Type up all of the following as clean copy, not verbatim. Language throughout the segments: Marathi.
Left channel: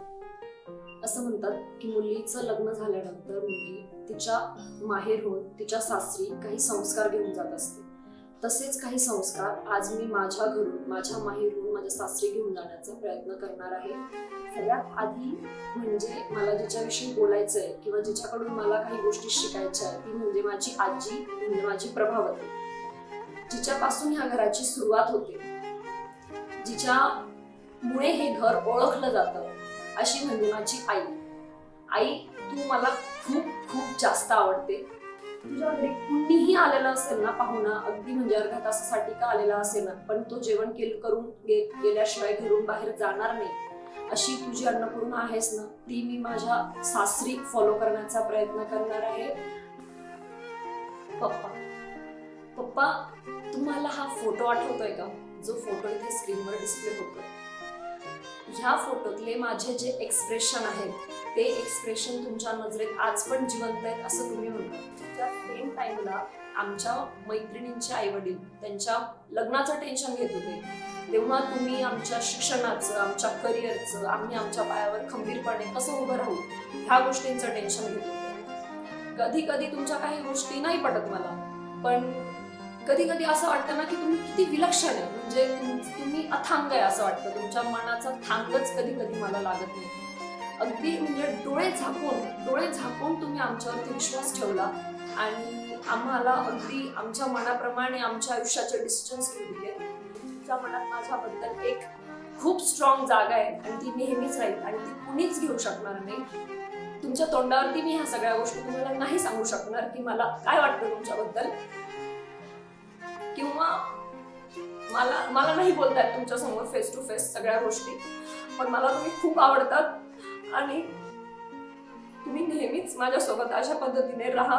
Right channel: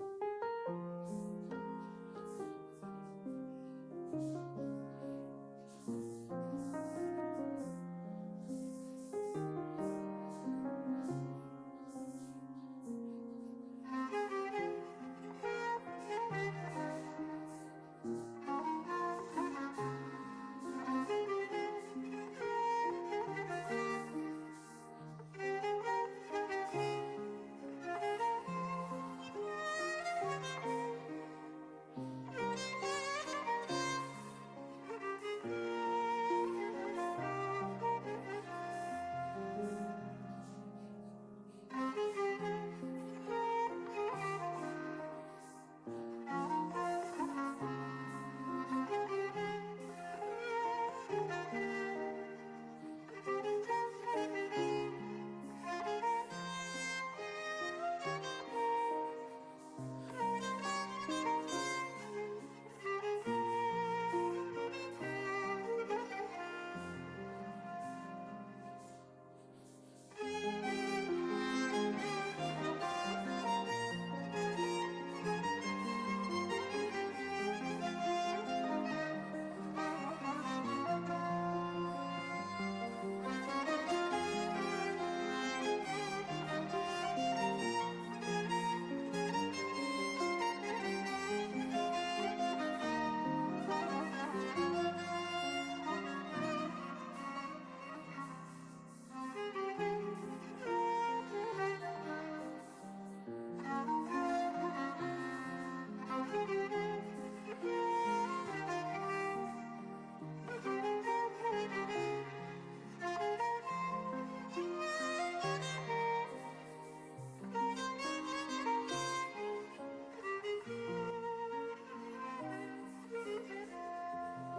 असं म्हणतात की मुलीचं लग्न झाल्यानंतर मुलगी तिच्या माहेरहून तिच्या सासरी काही संस्कार घेऊन जात असते. तसेच काही संस्कार आज मी माझ्या घरून, माझ्या माहेरहून माझ्या सासरी घेऊन जाण्याचा प्रयत्न करणार आहे. सगळ्यात आधी म्हणजे मला जिच्याविषयी बोलायचंय किंवा जिच्याकडून मला काही गोष्टी शिकायच्या आहेत ती म्हणजे माझी आजी, म्हणजे माझी प्रभावती, जिच्यापासून ह्या घराची सुरुवात होते, जिच्यामुळे हे घर ओळखलं जातं, अशी म्हणजे माझी आई. आई, तू मला खूप खूप जास्त आवडते. तुझ्या घरी कुणीही आलेलं असेल ना पाहुणा, अगदी म्हणजे अर्ध्या तासासाठी का आलेला असेल ना, पण तो जेवण करून गेल्याशिवाय घरून बाहेर जाणार नाही, अशी तुझी अन्नपूर्णा आहेस ना, ती मी माझ्या सासरी फॉलो करण्याचा प्रयत्न करणार आहे. पप्पा, पप्पा, तुम्हाला हा फोटो आठवतोय का, जो फोटो इथे स्क्रीनवर डिस्प्ले होतोय? ह्या फोटोतले माझे जे एक्सप्रेशन आहेत ते एक्सप्रेशन तुमच्या नजरेत आज पण जिवंत आहेत असं तुम्ही म्हणता. त्या सेम टाइमला आमच्या मैत्रिणींचे आई वडील त्यांच्या लग्नाचं टेन्शन घेत होते, तेव्हा तुम्ही आमच्या शिक्षणाचं, आमच्या करिअरचं, आम्ही आमच्या पायावर खंबीरपणे कसं उभं राहू ह्या गोष्टींचं टेन्शन घेत होते. कधी कधी तुमच्या काही गोष्टी नाही पटत मला, पण कधी कधी असं वाटतं ना की तुम्ही किती विलक्षण आहे, म्हणजे तुम्ही अथांग आहे असं वाटतं. तुमच्या मनाचा थांगच कधी कधी मला लागत नाही. अगदी म्हणजे डोळे झाकून तुम्ही आमच्यावरती विश्वास ठेवला आणि आम्हाला अगदी आमच्या मनाप्रमाणे आमच्या आयुष्याचे डिसिजन्स घेऊन दिले. तुमच्या मनात माझ्याबद्दल एक खूप स्ट्रॉंग जागा आहे आणि ती नेहमीच राहील आणि ती कुणीच घेऊ शकणार नाही. तुमच्या तोंडावरती मी ह्या सगळ्या गोष्टी तुम्हाला नाही सांगू शकणार की मला काय वाटतं तुमच्याबद्दल, किंवा मला नाही बोलतायत तुमच्या समोर फेस टू फेस सगळ्या गोष्टी, पण मला तुम्ही खूप आवडतात आणि तुम्ही नेहमीच माझ्यासोबत अशा पद्धतीने राहा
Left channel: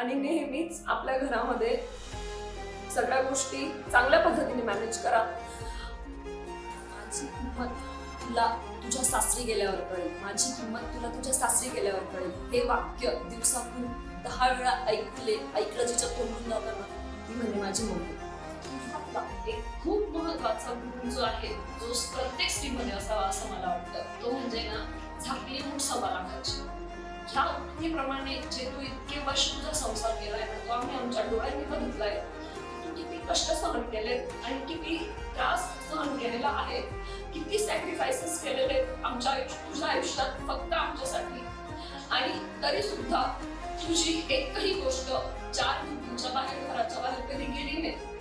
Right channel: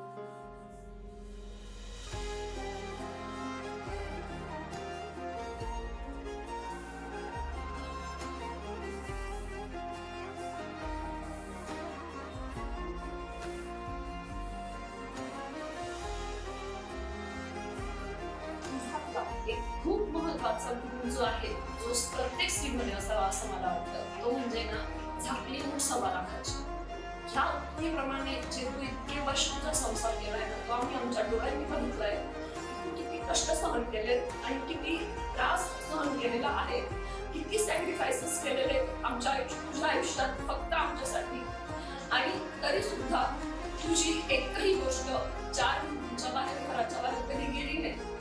आणि नेहमीच आपल्या घरामध्ये सगळ्या गोष्टी चांगल्या पद्धतीने मॅनेज करा. माझी किंमत तुला तुझ्या सासरी गेल्यावर कळेल, माझी किंमत तुला तुझ्या सासरी गेल्यावर कळेल. हे वाक्य दिवसातून 10 वेळा ऐकलं जिच्या तोंडून लावलं म्हणजे माझी मुलगी. एक खूप महत्वाचा गुण जो आहे, जो प्रत्येक स्त्रीमध्ये असावा असं मला वाटतं, तो म्हणजे ना झाकली मूठ सव्वा लाखाची. ह्या उक्तीप्रमाणे जे तू इतके वर्ष तुझा संसार केलाय ना, तो आम्ही आमच्या डोळ्यांनी बघितलाय. तू किती कष्ट सहन केले आणि किती त्रास सहन केलेला आहे, किती सॅक्रिफायसेस केलेले तुझ्या आयुष्यात फक्त आमच्यासाठी, आणि तरी सुद्धा तुझी एकही गोष्ट 4 भिंतींच्या बाहेर, घराच्या बाहेर कधी गेली नाही.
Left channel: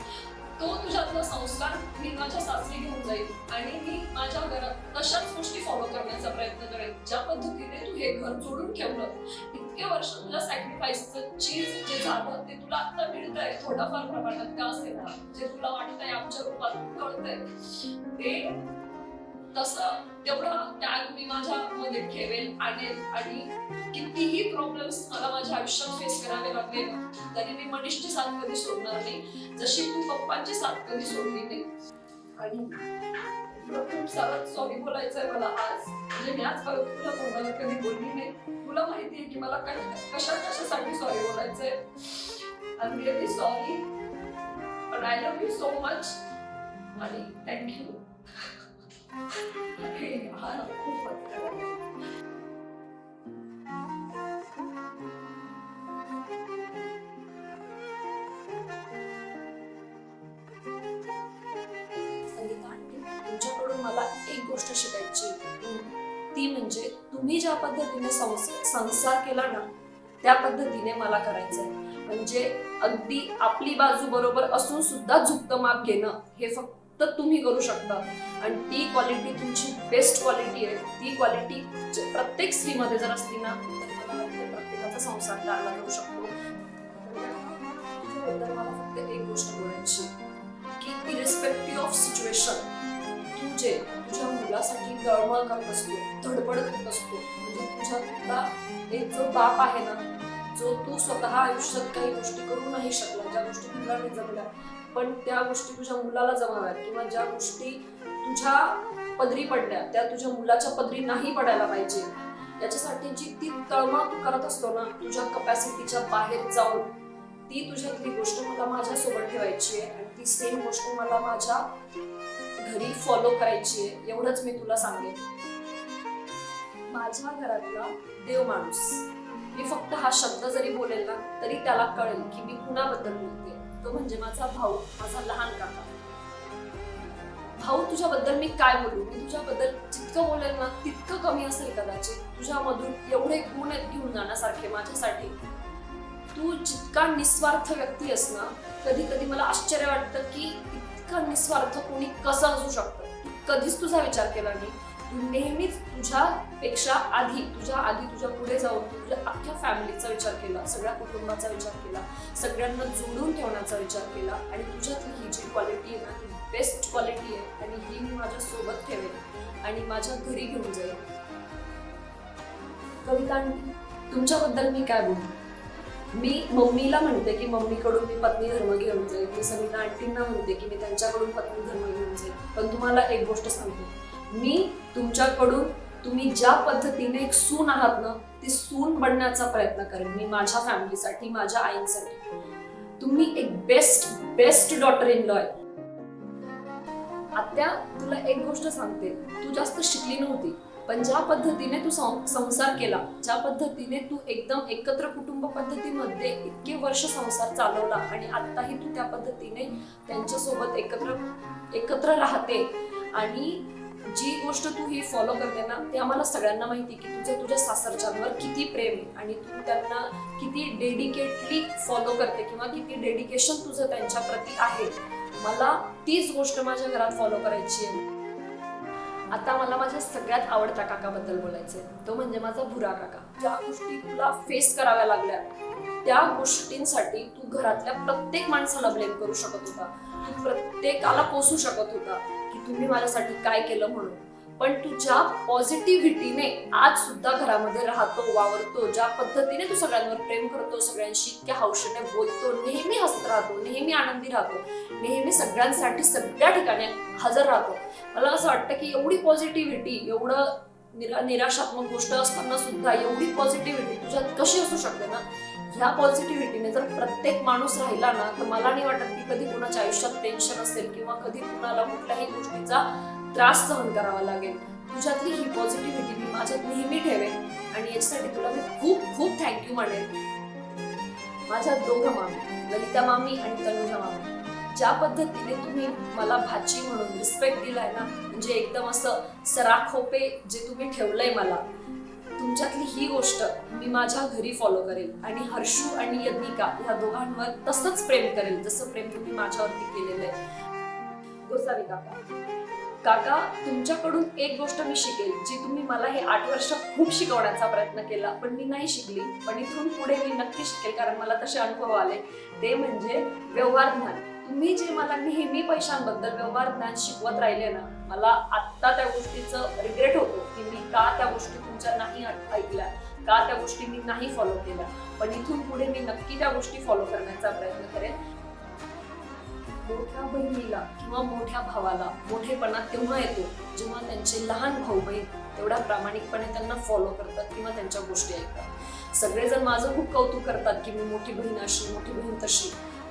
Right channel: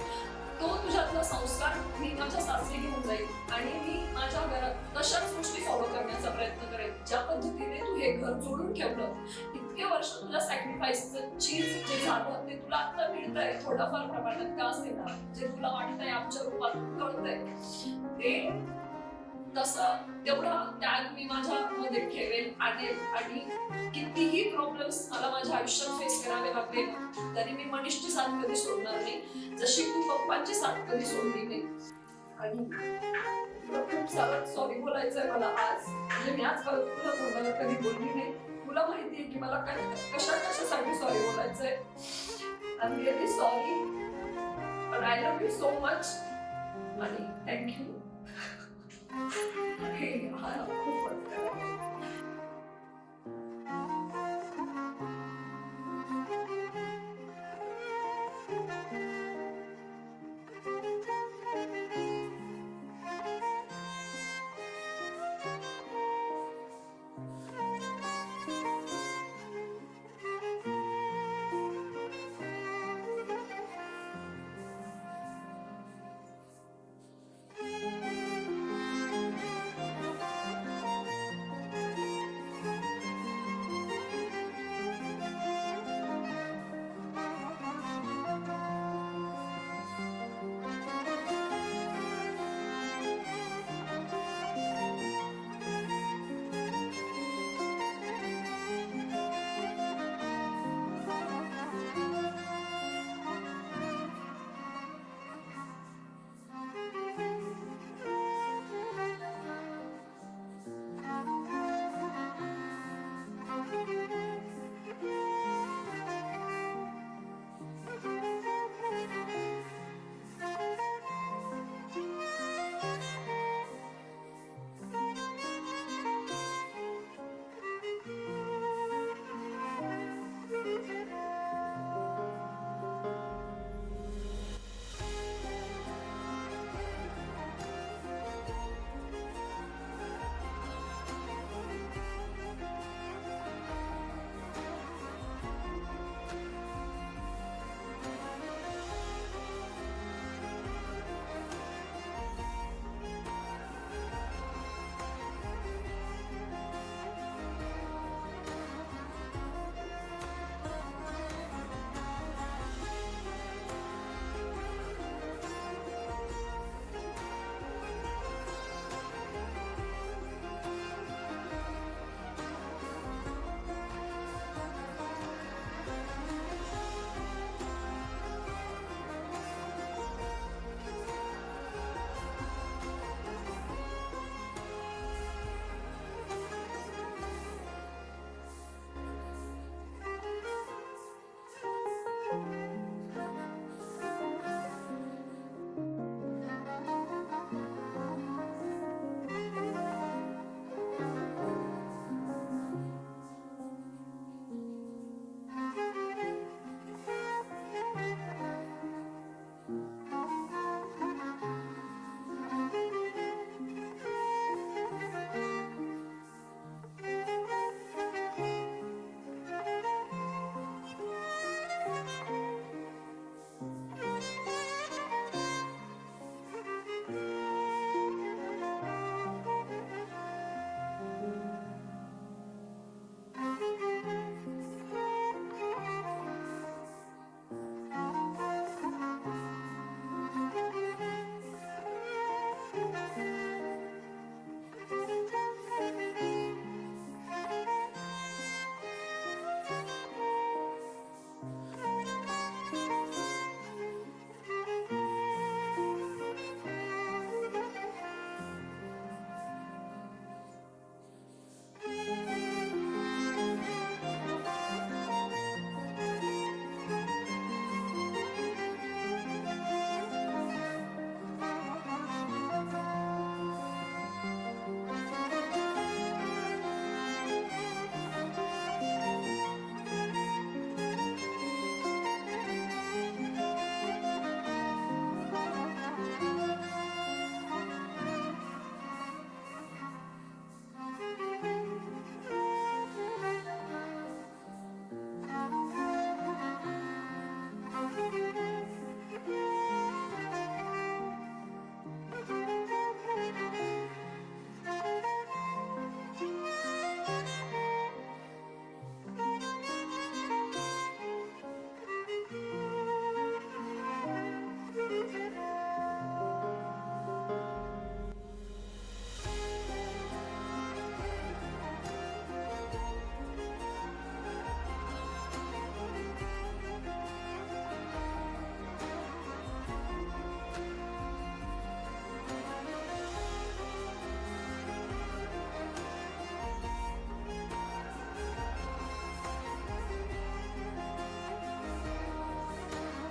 तो तुझ्यातला संस्कार मी माझ्या सासरी घेऊन जाईल आणि मी माझ्या घरात तशाच गोष्टी फॉलो करण्याचा प्रयत्न करेन. ज्या पद्धतीने तू हे घर जोडून ठेवलं, इतके वर्ष तुझ्या सॅक्रिफाईसचं चीज जे झालं ते तुला आता मिळतंय थोडाफार प्रमाणात का असेना, जे तुला वाटतंय आमच्या रूपात कळतंय, ते तसं तेवढा त्याग मी माझ्या मध्ये ठेवेल, आणेल. आणि कितीही प्रॉब्लेम्स मला माझ्या आयुष्यात फेस करावे लागले तरी मी मनीषची साथ कधी सोडणार नाही, जशी तू पप्पांची साथ कधी सोडली नाही. आणि तुला खूप सारं सॉरी बोलायचंय मला आज, म्हणजे मी आजपर्यंत तुला तोंडाला कधी बोलली नाही. तुला माहितीये की मला कशासाठी सॉरी बोलायचंय. आय एम रिअली सॉरी, पण I love you so much आणि थँक्यू. खूप ती म्हणजे तुम्ही ज्या पद्धतीने संसार केला ना त्या पद्धतीने मला करायचंय. म्हणजे अगदी आपली बाजू बरोबर असून सुद्धा झुकतं माप घेणं हे फक्त तुम्ही करू शकता, आणि ती क्वालिटी तुमची बेस्ट क्वालिटी आहे. ती क्वालिटी प्रत्येक स्त्रीमध्ये जर असली ना, प्रत्येकाचा संसार चांगला होऊ शकतो. मला फक्त एक गोष्ट बोलायची की इरेस्पेक्टिव्ह ऑफ सिच्युएशन, तू जे तुझ्या मुलासाठी तळमळ करत असतो, धडपड करत असतो, म्हणजे तुझा एक जो बाप आहे ना, जो तू स्वतः आयुष्यात काही गोष्टी करू नाही शकला, ज्या गोष्टी तुला नाही जमल्या, पण त्या गोष्टी तुझ्या मुलाला जमाव्यात, किंवा ज्या गोष्टी तुझ्या पदरी पडल्या त्या तुझ्या मुलाच्या पदरी नाही पडायला पाहिजे, त्याच्यासाठी जी ती तळमळ तू करत असतो ना तुझ्या कपॅसिटीच्या बाहेर जाऊन, ती तुझी गोष्ट मला माझ्यासोबत ठेवायची आहे आणि ती सेम गोष्ट मला माझ्या घरी फॉलो करायची आहे. एवढंच मी तुला सांगेन. माणूस. मी फक्त हा शब्द जरी बोलेल ना तरी त्याला कळेल की मी कुणाबद्दल बोलते. तो म्हणजे माझा भाऊ, माझा लहान काका. भाऊ, तुझ्याबद्दल मी काय बोलू? तुझ्याबद्दल जितकं बोलेल ना तितकं कमी असेल कदाचित. तुझ्यामधून एवढे गुण आहेत घेऊन जाण्यासारखे माझ्यासाठी. तू जितका निस्वार्थ व्यक्ती आहेस ना, कधी कधी मला आश्चर्य वाटतं की इतका निस्वार्थ कोणी कसं असू शकतं. कधीच तुझा विचार केला नाही. तू नेहमीच तुझ्या आधी तुझ्या पुढे जाऊन तुझ्या अख्ख्या फॅमिलीचा विचार केला, सगळ्या कुटुंबाचा विचार केला, सगळ्यांना जोडून ठेवण्याचा विचार केला. आणि तुझ्यातली ही जी क्वालिटी आहे, बेस्ट क्वालिटी आहे, आणि ही मी माझ्या सोबत ठेवेन आणि माझ्या घरी घेऊन जाईल. कविता, तुमच्याबद्दल मी काय बोलू? मी मम्मीला म्हणते की मम्मीकडून मी पत्नी धर्म घेऊन जाईल. मी सविता आंटींना म्हणते की मी त्यांच्याकडून पत्नी धर्म घेऊन जाईल. पण तुम्हाला एक गोष्ट सांगते, मी तुमच्याकडून तुम्ही ज्या पद्धतीने एक सून आहात ना, ती सून बनण्याचा प्रयत्न करेन मी माझ्या फॅमिलीसाठी, माझ्या आईंसाठी. तुम्ही एक बेस्ट डॉटर इन लॉ आहे. आत्या, तुला एक गोष्ट सांगते, तू जास्त शिकली नव्हती, पण ज्या पद्धतीने तू संसार केला, ज्या पद्धतीने तू एकदम एकत्र कुटुंब पद्धतीमध्ये इतके वर्ष संसार चालवला आणि आताही तू त्या पद्धतीने त्यांच्यासोबत एकत्र राहते, आणि जी गोष्ट तू ही फॉलो करते ना, ते आम्हाला सगळ्यांना माहिती की तुझ्या सासरच्यांवर किती प्रेम आहे आणि तू त्यांना किती डेडिकेटली फॉलो करते किंवा किती डेडिकेशन तुझं त्यांच्या प्रती आहे. मला तीच गोष्ट माझ्या घरात फॉलो करायची आहे. आता मला माझ्या सगळ्यात आवडत्या काकाबद्दल बोलायचंय, तो म्हणजे माझा भुरा काका. ज्या गोष्टी तुला फेस कराव्या लागल्या, त्या गोष्टींसाठी तू घरातल्या प्रत्येक माणसाला ब्लेम करू शकत होता, तू प्रत्येकाला पोसू शकत होता की तुम्ही माझ्यासाठी काय केलं म्हणून. पण तू ज्या पॉझिटिव्हिटीने आज सुद्धा घरामध्ये राहतो, वावरतो, ज्या पद्धतीने तू सगळ्यांवर प्रेम करतो, सगळ्यांशी इतक्या हौशेने बोलतो, नेहमी हसत राहतो, नेहमी आनंदी राहतो, नेहमी सगळ्यांसाठी सगळ्या ठिकाणी हजर राहतो. मला असं वाटतं की एवढी पॉझिटिव्हिटी, एवढं निराशात्मक गोष्ट असताना सुद्धा एवढी पॉझिटिव्हिटी तुझ्यात कशी असू शकते ना. ह्या पॉझिटिव्हिटीने जर प्रत्येक माणूस राहिला ना, तर मला नाही वाटत की कधी कुणाच्या आयुष्यात टेन्शन असेल किंवा कधी कुणाला कुठल्याही गोष्टीचा त्रास सहन करावा लागेल. तुझ्यातली ही पॉझिटिव्हिटी मी माझ्यात नेहमी ठेवेन आणि याच्यासाठी तुला मी खूप थँक्यू म्हणेन. माझ्या दोघं मामी, ललिता मामी आणि तनुजा मामी, ज्या पद्धतीने तुम्ही मला भाची म्हणून रिस्पेक्ट दिलाय ना, म्हणजे एकदम असं सराखोपे जे तुम्ही ठेवलंय मला, तुमच्यातली ही गोष्ट मी माझ्या घरी फॉलो करेल आणि हर्षू आणि यज्ञिका ह्या दोघांवर तसंच प्रेम करेल जसं प्रेम तुम्ही माझ्यावरती केलेलं आहे. गोसावी काका, तुमच्याकडून एक गोष्ट मी शिकेल जी तुम्ही मला हे 8 वर्ष खूप शिकवण्याचा प्रयत्न केला, पण मी नाही शिकली. पण इथून पुढे मी नक्की शिकेल, कारण मला तसे अनुभव आले. ते म्हणजे व्यवहार ज्ञान. तुम्ही जे मला नेहमी पैशांबद्दल व्यवहार ज्ञान शिकवत राहिले ना, मला आत्ता त्या गोष्टीचं रिग्रेट होतं की मी का त्या गोष्टी तुमच्या नाही ऐकल्या, का त्या गोष्टी मी नाही फॉलो केल्या. पण इथून पुढे मी नक्की त्या गोष्टी फॉलो करण्याचा प्रयत्न करेन. मोठ्या बहिणीला किंवा मोठ्या भावाला मोठेपणा तेव्हा येतो जेव्हा त्यांचे लहान भाऊ बहीण एवढ्या प्रामाणिकपणे त्यांना फॉलो करतात किंवा त्यांच्या गोष्टी ऐकतात. सगळेजण माझं खूप कौतुक करतात की मी मोठी बहीण अशी, मोठी बहीण तशी,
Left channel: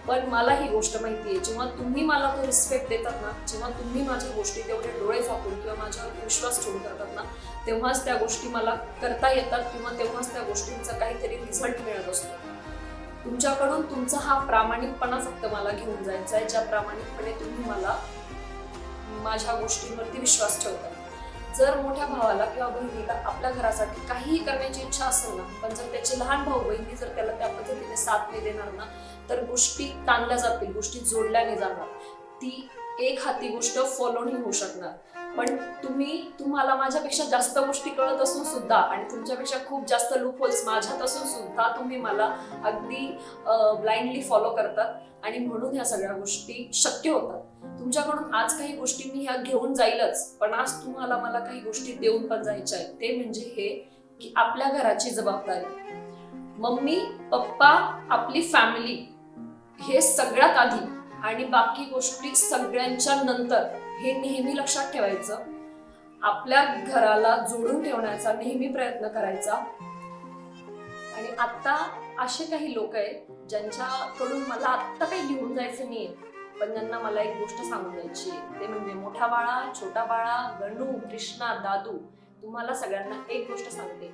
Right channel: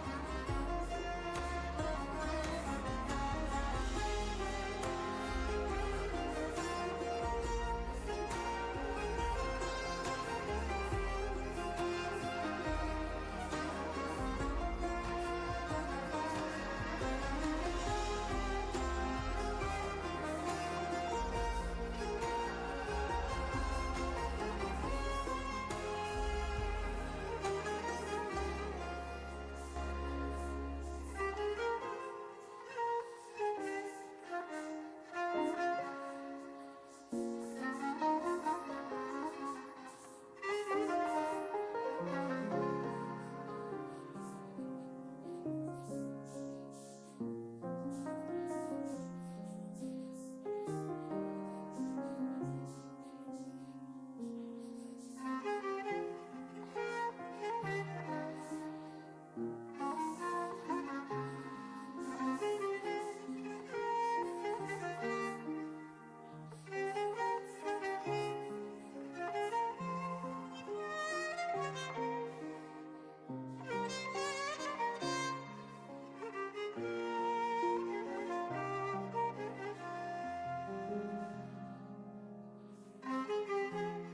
पण मला ही गोष्ट माहिती आहे, जेव्हा तुम्ही मला तो रिस्पेक्ट देतात ना, जेव्हा तुम्ही माझ्या गोष्टी तेवढे डोळे झाकून किंवा माझ्यावर विश्वास ठेवून करतात ना, तेव्हाच त्या गोष्टी मला करता येतात किंवा तेव्हाच त्या गोष्टींचा काहीतरी रिझल्ट मिळत असतो. तुमच्याकडून तुमचा हा प्रामाणिकपणा फक्त मला घेऊन जायचा आहे, ज्या प्रामाणिकपणे तुम्ही मला माझ्या गोष्टींवरती विश्वास ठेवता. जर मोठ्या भावाला किंवा बहिणीला आपल्या घरासाठी काहीही करण्याची इच्छा असेल ना, पण जर त्याचे लहान भाऊ बहिणी जर त्याला त्या पद्धतीने साथ नाही देणार ना, तर गोष्टी ताणल्या जातील, गोष्टी जोडल्या नाही जाणार, ती एक हाती गोष्ट फॉलो नाही होऊ शकणार. पण तुम्हाला माझ्यापेक्षा जास्त गोष्टी कळत असून सुद्धा आणि तुमच्यापेक्षा खूप जास्त लूपहोल्स माझ्यात असून सुद्धा तुम्ही मला अगदी ब्लाइंडली फॉलो करतात आणि म्हणून ह्या सगळ्या गोष्टी शक्य होतात. तुमच्याकडून आज काही गोष्टी मी ह्या घेऊन जाईलच, पण आज तुम्हाला मला काही गोष्टी देऊन पण जायच्या आहेत. ते म्हणजे हे की आपल्या घराची जबाबदारी, मम्मी पप्पा, आपली फॅमिली हे सगळ्यात आधी आणि बाकी गोष्टी सगळ्यांच्या नंतर, हे नेहमी लक्षात ठेवायचं. आपल्या घराला जोडून ठेवण्याचा नेहमी प्रयत्न करायचा. आणि आता असे काही लोक आहेत ज्यांच्याकडून मला आत्ता काही घेऊन जायचं नाहीये, पण त्यांना मला एक गोष्ट सांगून द्यायची, ते म्हणजे मोठा बाळा, छोटा बाळा, गणू, कृष्णा, दादू, तुम्हाला सगळ्यांना एक गोष्ट सांगते,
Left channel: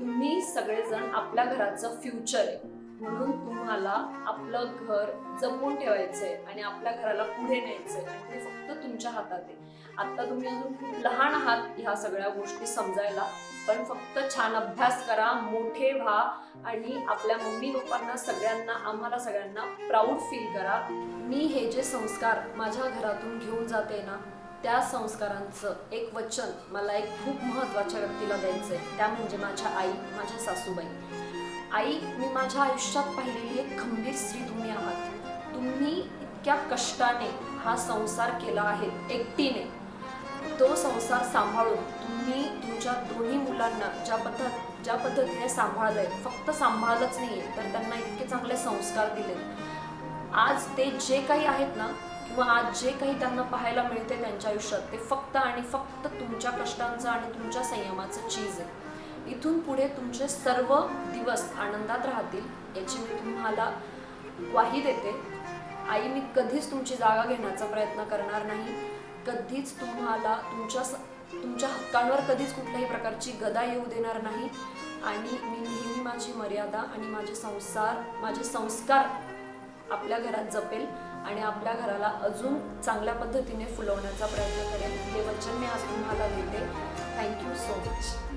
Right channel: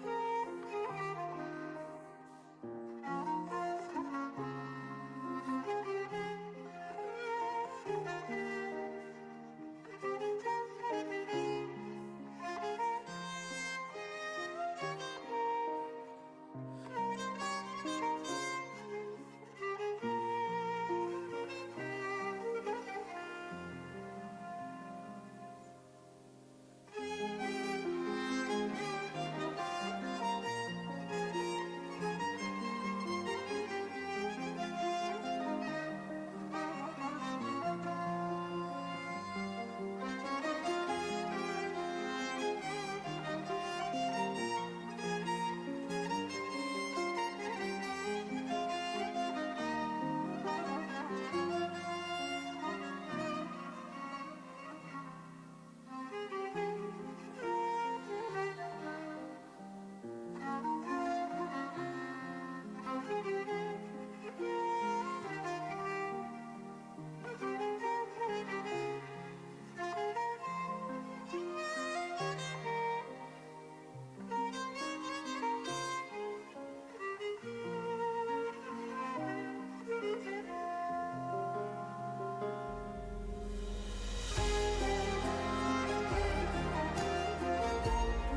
तुम्ही सगळेजण आपल्या घराचं फ्युचर आहे, म्हणून तुम्हाला आपलं घर जपून ठेवायचंय आणि आपल्या घराला पुढे न्यायचंय आणि हे फक्त तुमच्या हातात आहे. आता तुम्ही अजून खूप लहान आहात ह्या सगळ्या गोष्टी समजायला, पण फक्त छान अभ्यास करा, मोठे व्हा आणि आपल्या मम्मी पप्पांना सगळ्यांना, आम्हाला सगळ्यांना प्राऊड फील करा. मी हे जे संस्कार माझ्या घरातून घेऊन जाते ना, त्या संस्कारांचं एक वचन मला एक खूप महत्त्वाच्या व्यक्तीला द्यायचं आहे, त्या म्हणजे माझ्या आई, माझ्या सासूबाई. आई, मी माझ्या आयुष्यात पाहिलेली एक खंबीर स्त्री तुम्ही आहात. तुम्ही इतक्या कष्टाने हा संसार केला आहे एकटीने. तो संसार सांभाळून तुम्ही तुमच्या दोन्ही मुलांना ज्या पद्धतीने सांभाळलंय, फक्त सांभाळलंच नाहीये तर त्यांना इतके चांगले संस्कार दिले. आज ते जे काही आहेत ना, किंवा आज जे काही त्यांना पाहायला मिळते त्यांच्या आयुष्यात, ते फक्त आणि फक्त तुमच्या कष्टांचं आणि तुमच्या संयमाचं चीज आहे. इथून पुढे तुमचे सर्व दिवस आनंदात राहतील याची मी तुम्हाला ग्वाही देते. आई, मी कधीच तुमची जागा घेण्याचा प्रयत्न करणार नाही. कधीच तुम्हाला तुमच्या हक्कांवर कधीच कुठल्याही प्रकारची गदा येऊ देणार नाही. आणि मी नेहमी माझी मर्यादा आणि माझे संस्कार आपल्या घरात जपेल आणि आपल्या घराला अजून चांगल्या पद्धतीने फुलवण्याचा प्रयत्न करेल. हे वचन मी आज तुम्हाला देते. Thank you so much.